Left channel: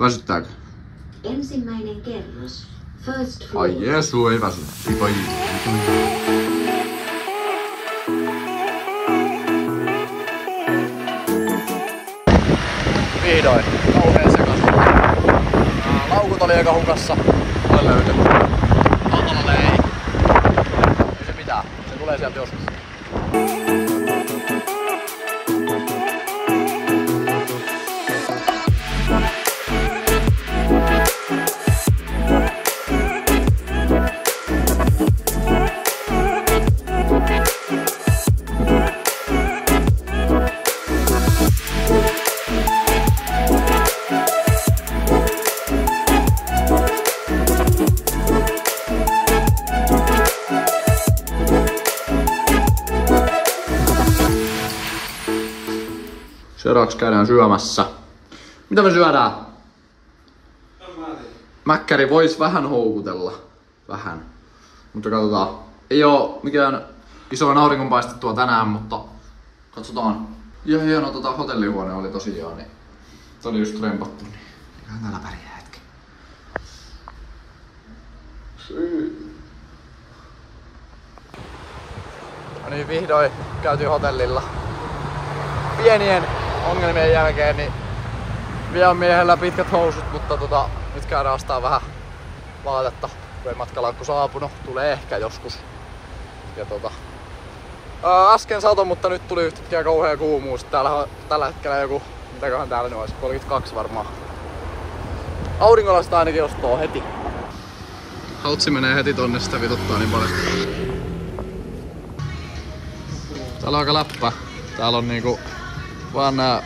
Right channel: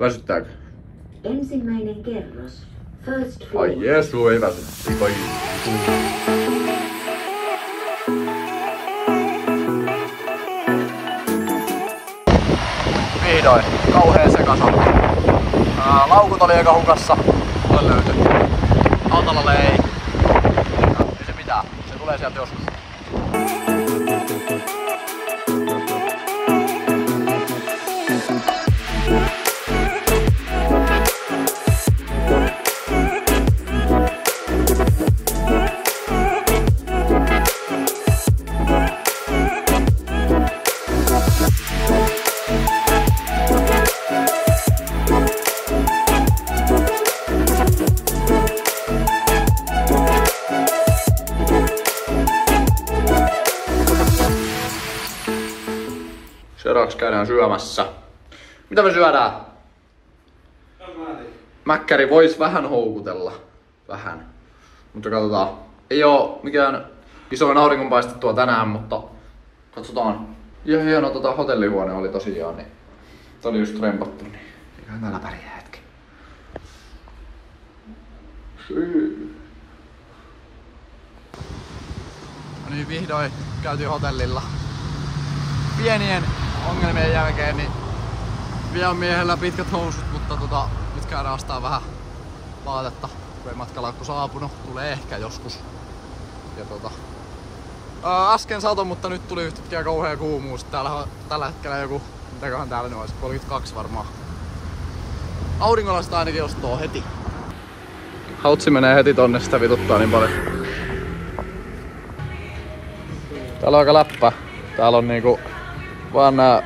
Väsyttääkö? Ensimmäinen kerros. First floor. Ai Jeesu, ei väsy. Oi. Vihdoin. Kauhea sekasa. Laukut oli aika hukassa. Olen löytänyt. Autolla ei. Ei se mitään. Se tulee sieltä joskus. Seuraavaksi käydään syömässä. Mitä me syödään? Mäkkäri vois vähän houkutella. Vähän. Mutta katsotaan. Ei oo mikään isoin auringonpaistettua tänään, mutta katsotaan. Ja hieno hotellihuone oli tosiaan, niin tää oli just rempattu, niin eiköhän täällä pärjää hetki. No niin, vihdoin käytiin hotellilla. Pienien ongelmien jälkeen niin vielä on miehellä pitkät housut, mutta nyt käydään ostaa vähän vaatetta, kun ei matkalaukku saapunut. Tulee ehkä joskus. Ja äsken sato, mutta nyt tuli yhtäkkiä kauhea kuumuus. Täällä on tällä hetkellä joku, mitäköhän täällä nyt olisi, 32 varmaan. Aurinkolasta ainakin ostaa heti. Hautsi menee heti tonne, sitä vituttaa niin paljon. Täällä on aika läppä. Täällä on niinku vaan nää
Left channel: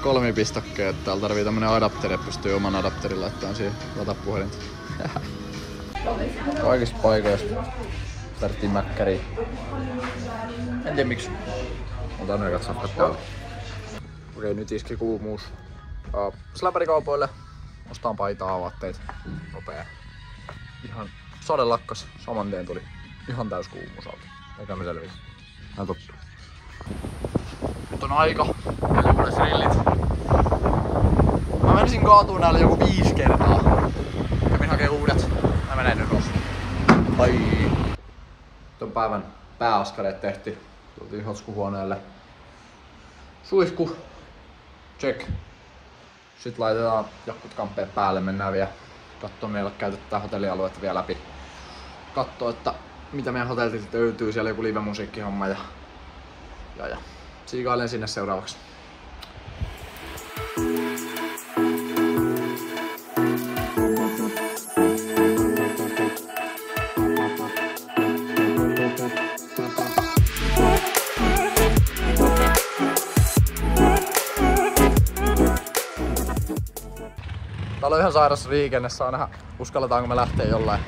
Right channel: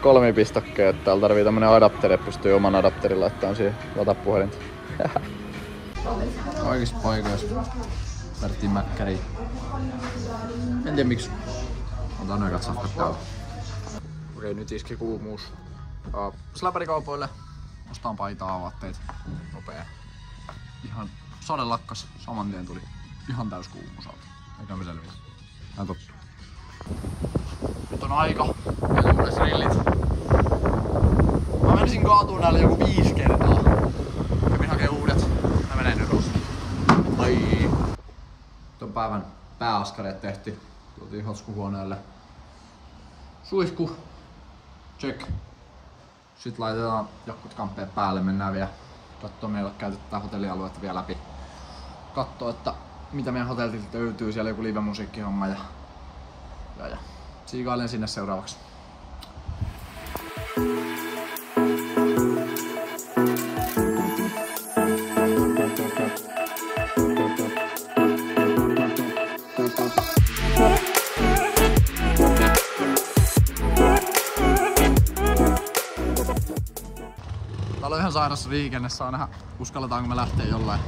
kolmipistokkeet. Täällä tarvii tämmönen adapteri, että pystyy oman adapterin laittamaan siihen latapuhelinta. Kaikissa paikoissa tarvittiin mäkkäriä. En tiedä miksi. Otan ne safkat täällä. Okei, nyt iski kuumuus. Släpärikaupoille ostaan paitaa, vaatteita. Nopea. Ihan sade lakkas. Saman tien tuli ihan täys kuumuus alta. Eikä me selviä. Näin tottuu. Nyt on aika. Uudet rillit. Mä menisin kaatuun näillä joku 5 kertaa. Kävin hakee uudet. Mä menen nyt kohta. Ai. Ton päivän pääaskareet tehtiin. Tultiin hotskuhuoneelle. Suihku. Check. Sitten laitetaan jakkut kamppeen päälle. Mennään vielä kattoo meillä käytetään hotellialuetta vielä läpi. Kattoo, että mitä meidän hotellilta löytyy. Siellä joku live-musiikkihomma ja siikailen sinne seuraavaksi. Täällä on ihan sairas liikenne, saa nähdä uskalletaanko me lähteä jollain.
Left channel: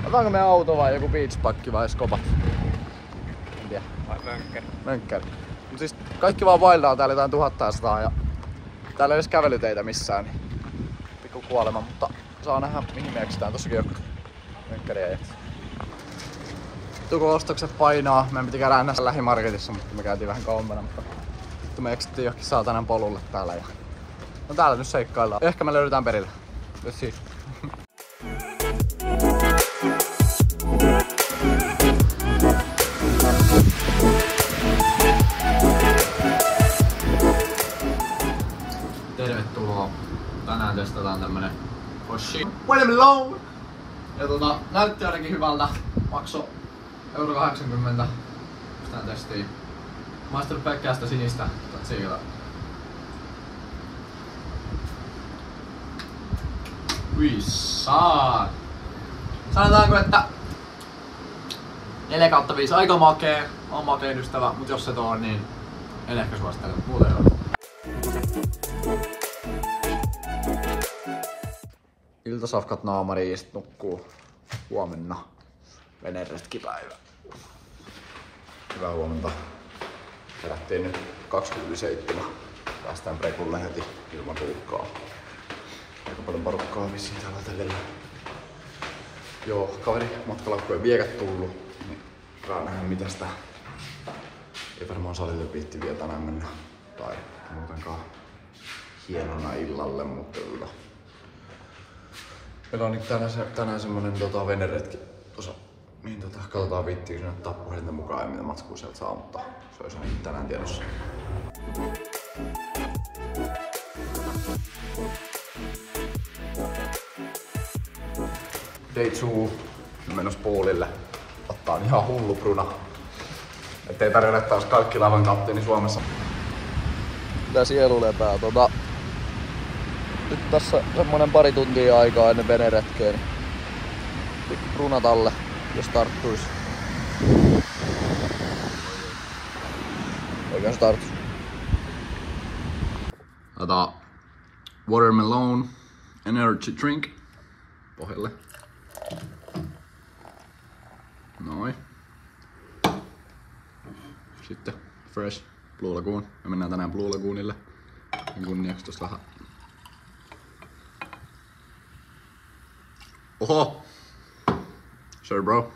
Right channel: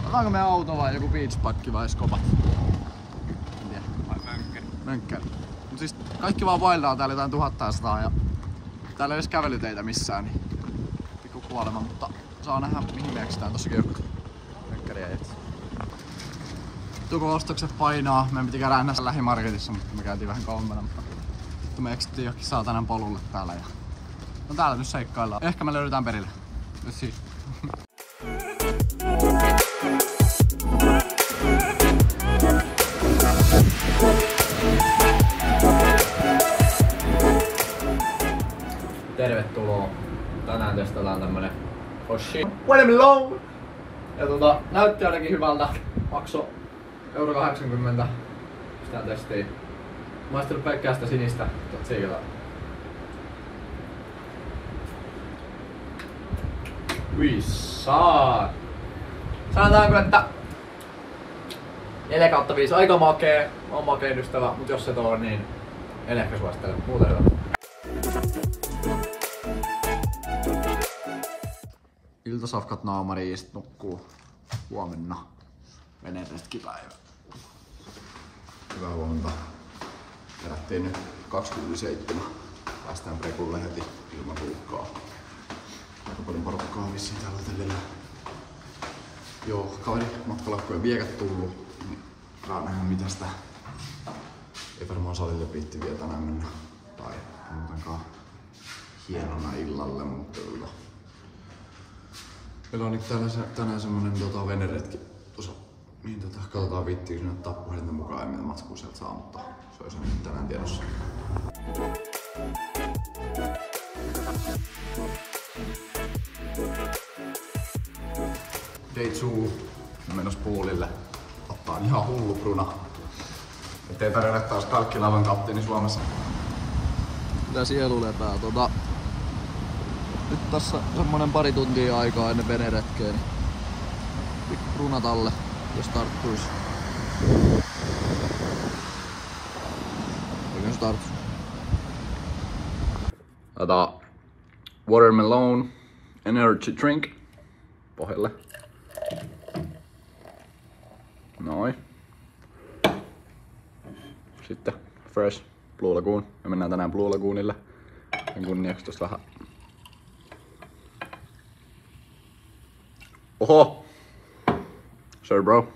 Otetaanko me auto vai joku beachpakki vai skobat? En tiedä. Mönkkäri. Mut siis kaikki vaan vaillaan täällä jotain 1100 ja täällä ei edes kävelyteitä missään, niin pikku kuolema, mutta saa nähdä mihin me eksitään. Tossakin joku mönkkäriä ja tuko ostokset painaa. Meidän piti käydä näissä lähimarketissa, mutta me käytiin vähän kauempana, mutta me eksittiin johonkin saatanan polulle täällä ja no täällä nyt seikkaillaan. Ehkä me löydetään perille. Let's see. Tervetuloa. Tänään testataan tämmönen Hoshi Watermelon. Ja näytti ainakin hyvältä. Makso €80. Tää testiin. Maistanut pelkkää sitä sinistä. Siikata. Sanotaanko, että 4/5 aika makee. On makeen ystävä, mut jos et oo, niin en ehkä suosittele, mut muuten hyvä. Iltasafkat naamariin ja sit nukkuu huomenna. Veneretkipäivä. Hyvää huomenta. Herättiin nyt 27. Päästään prekulle heti ilman ruuhkaa. Aika paljon porukkaa vissiin täällä hotellilla. Joo, kaveri matkalaukku ei vieläkään tullut. Saa nähdä mitä sitä. Ei varmaan salille piitti vielä tänään mennä. Tai muutenkaan hienona illalle, mutta Meillä on nyt tänään semmonen veneretki tuossa, niin katsotaan viittiinkö sinne ottaa puhelinten mukaan ja mitä matskua sieltä saa, mutta se olisi ainakin tänään tiedossa. Day 2, menossa poolille. Ottaa ihan hullu bruna. Ettei tarjolle taas kalkkilaivan kapteeni Suomessa. Kyllä sielu lepää. Nyt tässä semmonen pari tuntia aikaa ennen veneretkeä, niin pikku brunat alle, jos tarttuis. Eikä se tarttu. Laitetaan watermelon energy drink pohjalle. Noin. Sitten fresh Blue Lagoon. Me mennään tänään Blue Lagoonille. Ja kunniaksi tosta vähän. Oho! Sure bro.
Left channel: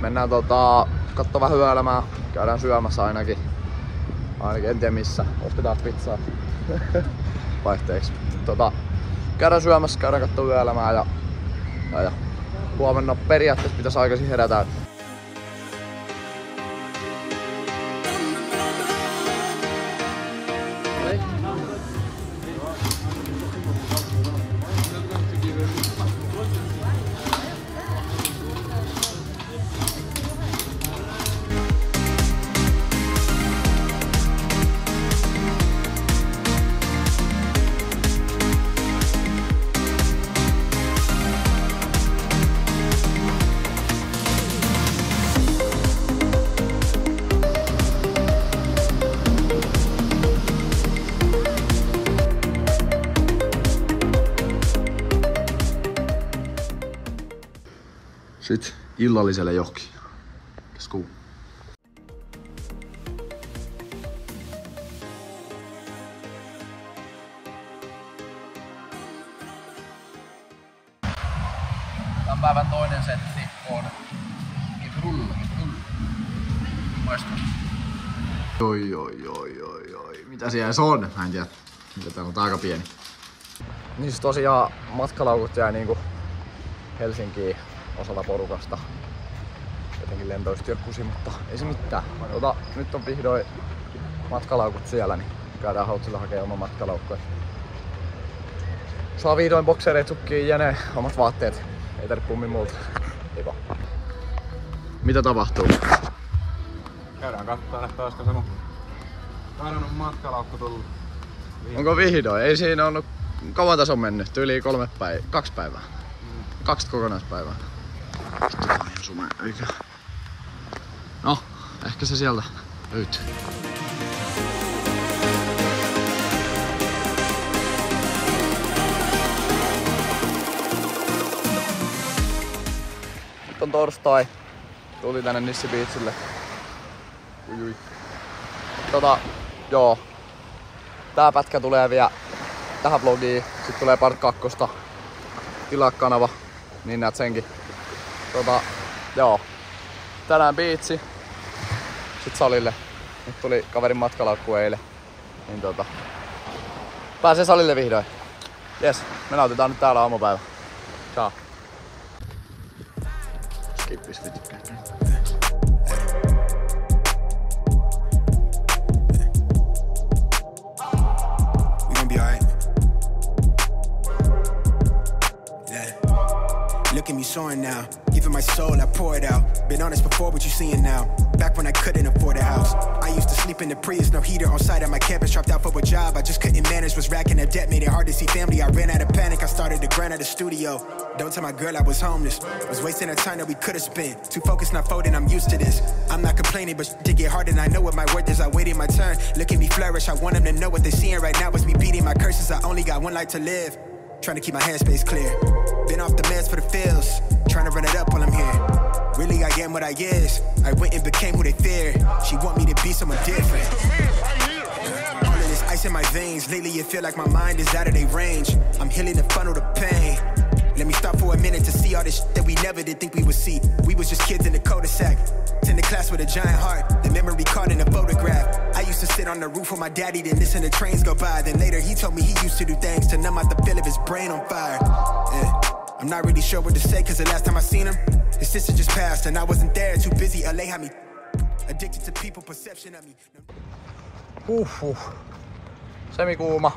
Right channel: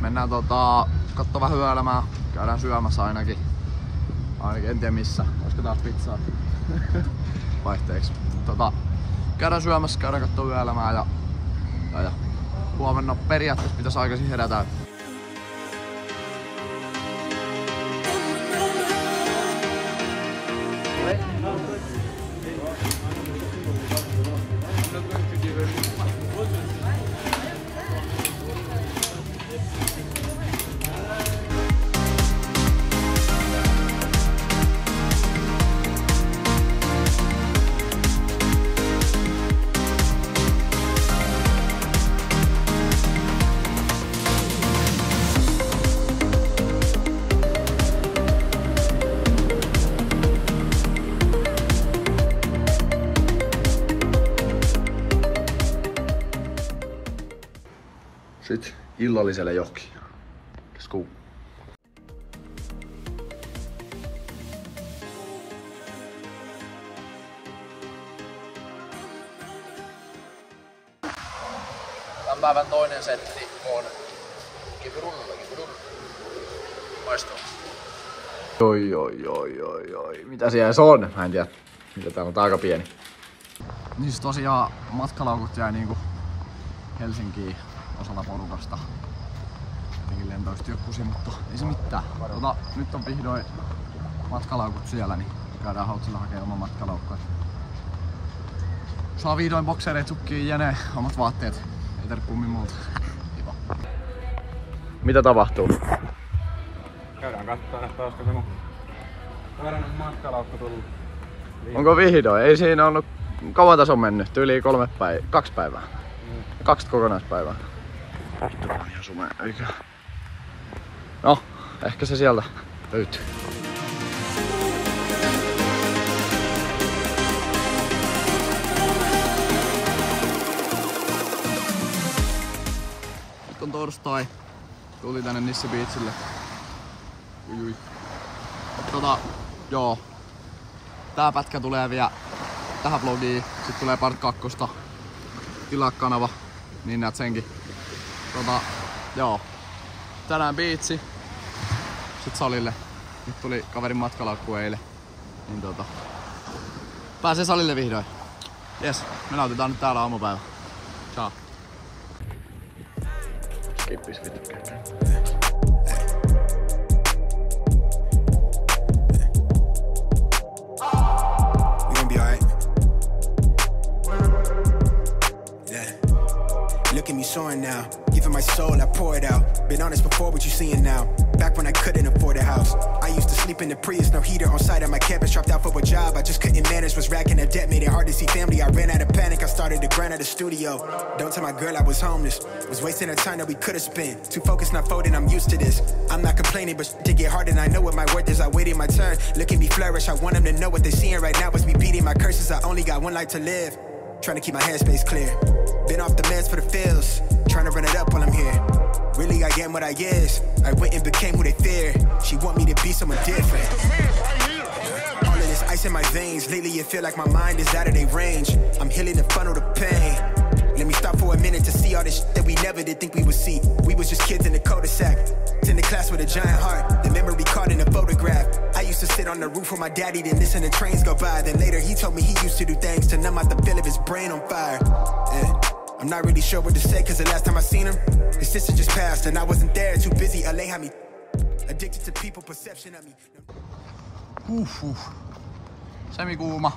Mennään kattoo vähän yöelämää. Käydään syömässä ainakin. En tiedä missä. Ostetaan pizzaa. Vaihteeksi. Käydään syömässä, käydään kattoo yöelämää ja huomenna periaatteessa pitäisi aikaisin herätä. Sitten illalliselle johonkin. Let's go. Tämän päivän toinen setti on kipurulla. Maistuu. Oi. Mitä siellä se on? Mä en tiedä. Mitä täällä on aika pieni. Niin siis tosiaan matkalaukut jäi niinku Helsinkiin osalla porukasta. Jotenkin lentoyhtiö kusi, mutta ei se mitään. Nyt on vihdoin matkalaukut siellä, niin käydään Hautsilla hakemaan oma matkalaukku. Saa vihdoin boksereet, sukkiin, jene, omat vaatteet. Ei tarvitse pummin multa. Eikä. Mitä tapahtuu? Käydään katsoa, että olisiko se mun kadonnut matkalaukku tullut. Onko vihdoin? Ei siinä ollut kauan tässä on mennyt. Yli 2 päivää. 2 kokonaispäivää. Sitten tää on ihan sume, eikä? No, ehkä se sieltä löytyy. Nyt on torstai. Tuli tänne Nissi Beachille. Ui. Joo. Tää pätkä tulee vielä tähän vlogiin. Sitten tulee part 2. Tilaa kanava, niin näet senkin. Joo. Tänään biitsi. Sitten salille. Nyt tuli kaverin matkalaukku eilen. Niin pääsee salille vihdoin. Jes, me nautitaan nyt täällä aamupäivä. Ciao. Skippis vittu. Look at me soaring now, giving my soul, I pour it out. Been honest before, what you seeing now? Back when I couldn't afford a house, I used to sleep in the Prius, no heater on site at my campus. Dropped out for a job, I just couldn't manage. Was racking up debt, made it hard to see family. I ran out of panic, I started to grind at the studio. Don't tell my girl I was homeless, was wasting the time that we could've spent. Too focused, not folding, I'm used to this. I'm not complaining, but to get hard and I know what my worth is. I waited my turn, look at me flourish. I want them to know what they're seeing right now is me beating my curses. I only got one life to live, trying to keep my headspace clear. Been off the meds for the feels, trying to run it up while I'm here. Really I am what I is, I went and became who they fear. She want me to be someone different. All of this ice in my veins. Lately it feel like my mind is out of their range. I'm healing the funnel to pain. Let me stop for a minute to see all this shit that we never did think we would see. We was just kids in the cul-de-sac, in the class with a giant heart, the memory caught in a photograph. I used to sit on the roof with my daddy, then listen to trains go by. Then later he told me he used to do things to numb out the feel of his brain on fire. Yeah. I'm not really sure what to say, cause the last time I seen him, his sister just passed and I wasn't there, too busy. LA had me addicted to people perception of me. Semikuuma.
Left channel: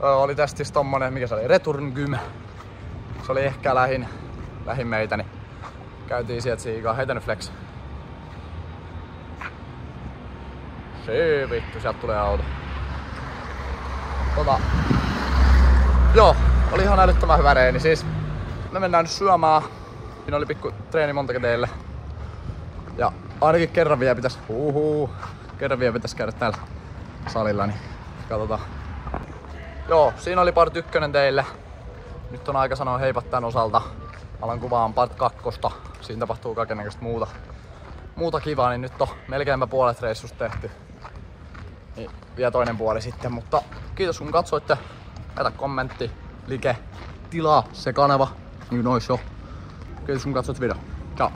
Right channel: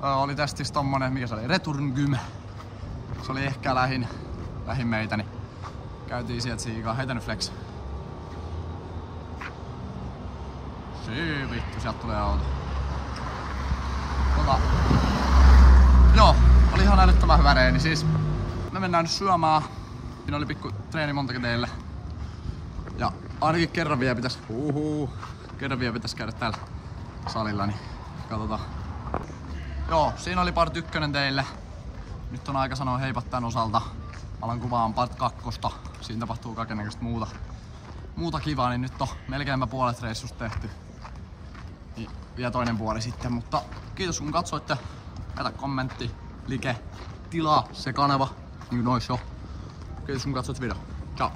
Oli testis tommonen, mikä se oli? Return Gym. Se oli ehkä lähin meitä, niin käytiin sieltä siikaa. Heitä nyt flex. Se vittu, sieltä tulee auto. Joo, oli ihan älyttömän hyvä reeni. Siis me mennään nyt syömään. Siinä oli pikku treeni montakin teille. Ja ainakin kerran vielä pitäis käydä täällä salilla, niin katsotaan. Joo, siinä oli part 1 teille. Nyt on aika sanoa heipat tän osalta. Alan kuvaan part 2. Siinä tapahtuu kaikennäköistä muuta kivaa, niin nyt on melkeinpä puolet reissusta tehty. Niin vielä toinen puoli sitten, mutta kiitos kun katsoitte. Jätä kommentti, like, tilaa se kanava, niin kuin nois jo. Kiitos kun katsoit video. Ciao!